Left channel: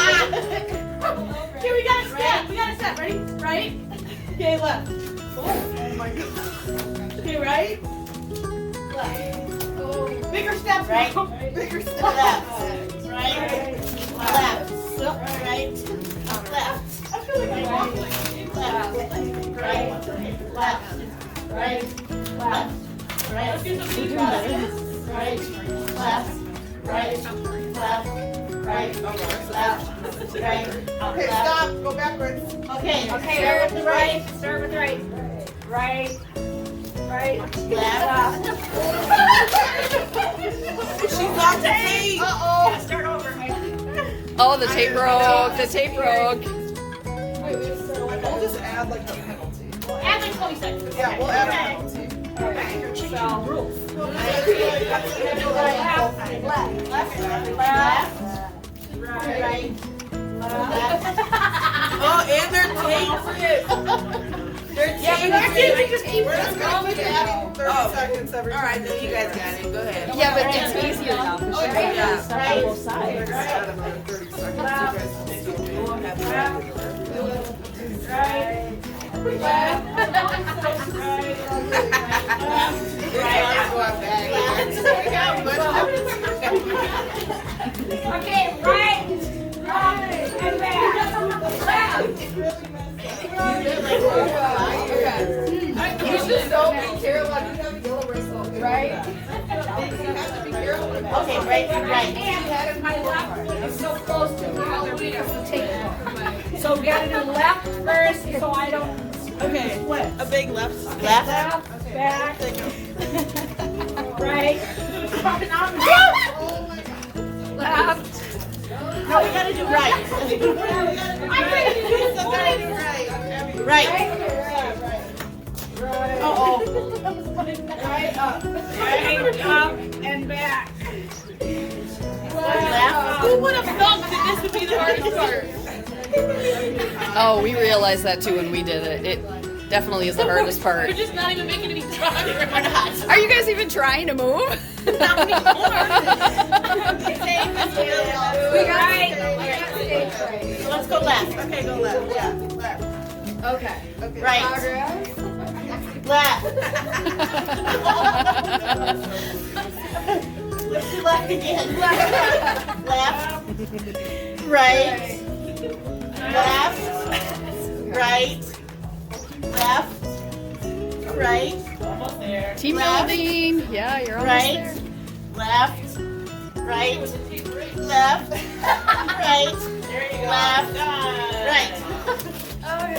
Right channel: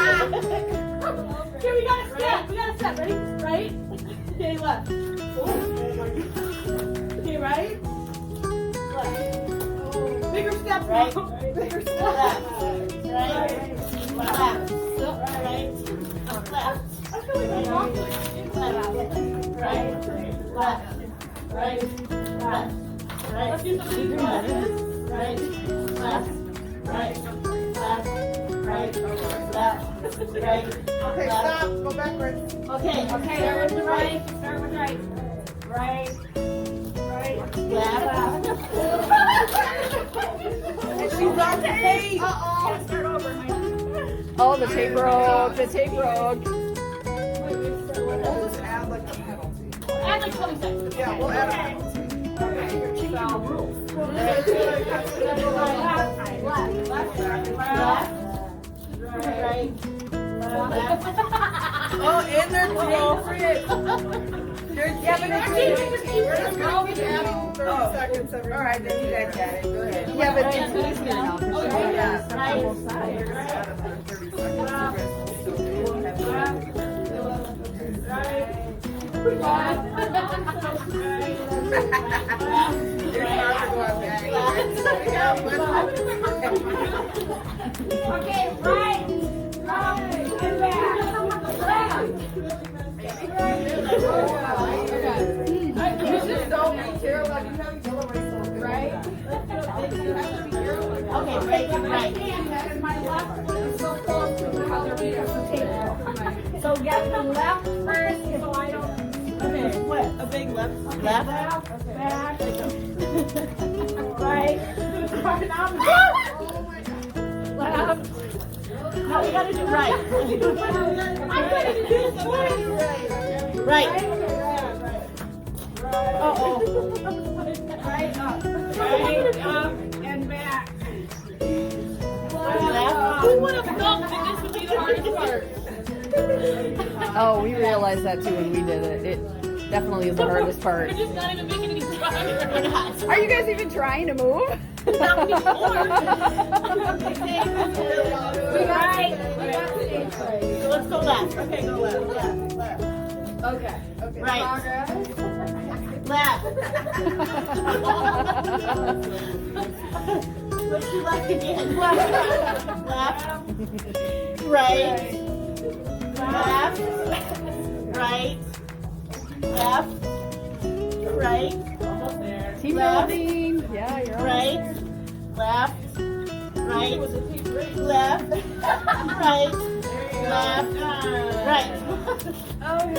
Okay, we got a step. We got a step. Ready? Right? Okay, left. Oh my god. Okay, right? Left. Bigger steps. Right. Bigger steps. Left. Right. Left. Right. Left. I feel like I'm walking. Left. Right. Left. Right. Left. Right. Let's do some deep pauses. Right. Left. Right. Left. Right. Left. Right. Okay, stop. Go backwards. Okay. Okay, start with the right. Start with the right. Right. Right. Left. She's on the tape. Yeah, start over, Mike. Oh, the tape broke. The tape broke. We'll just add like a penalty. Add like 20 seconds. Yeah, we'll add a Okay. penalty. Okay, you're changing the rules. Left. Left. Right. Left. Oh, and they're Yeah, but that's it. Just keep We're just gonna keep going. adding 30 seconds every All right, then you guys got it. Go ahead. Yeah, but it's easier now. 'cause she Okay. has stuff on both We're sides. gonna add another 30 seconds. You guys can still do it. Okay, right, up, and back. You should so be careful. You have to go right. You have to be careful. Okay, right to right. And my left foot is so close to the other ear. So gotta do left first, so I don't. Okay, a big left. Left. Left, back, right. Left. No, we gotta do right. I'm ready to do this one. Right. Uh-oh. Right up. Right up and back. Left. Who would have thought that this would be the hardest part? Oh, we realized that too when we did it. It definitely is the hardest part. We're just not even making any progress. Are you guys even trying to move? Let's go left. Okay, go left. Yeah, left. Okay. Right. Left. Let's do left again. Left. Right. Left. Right. Left. Right. Almost there. Team Left. building. Yeah, you're almost Right. there. Left. Right. Left. Right. There you go. Left. Done. Right. Okay.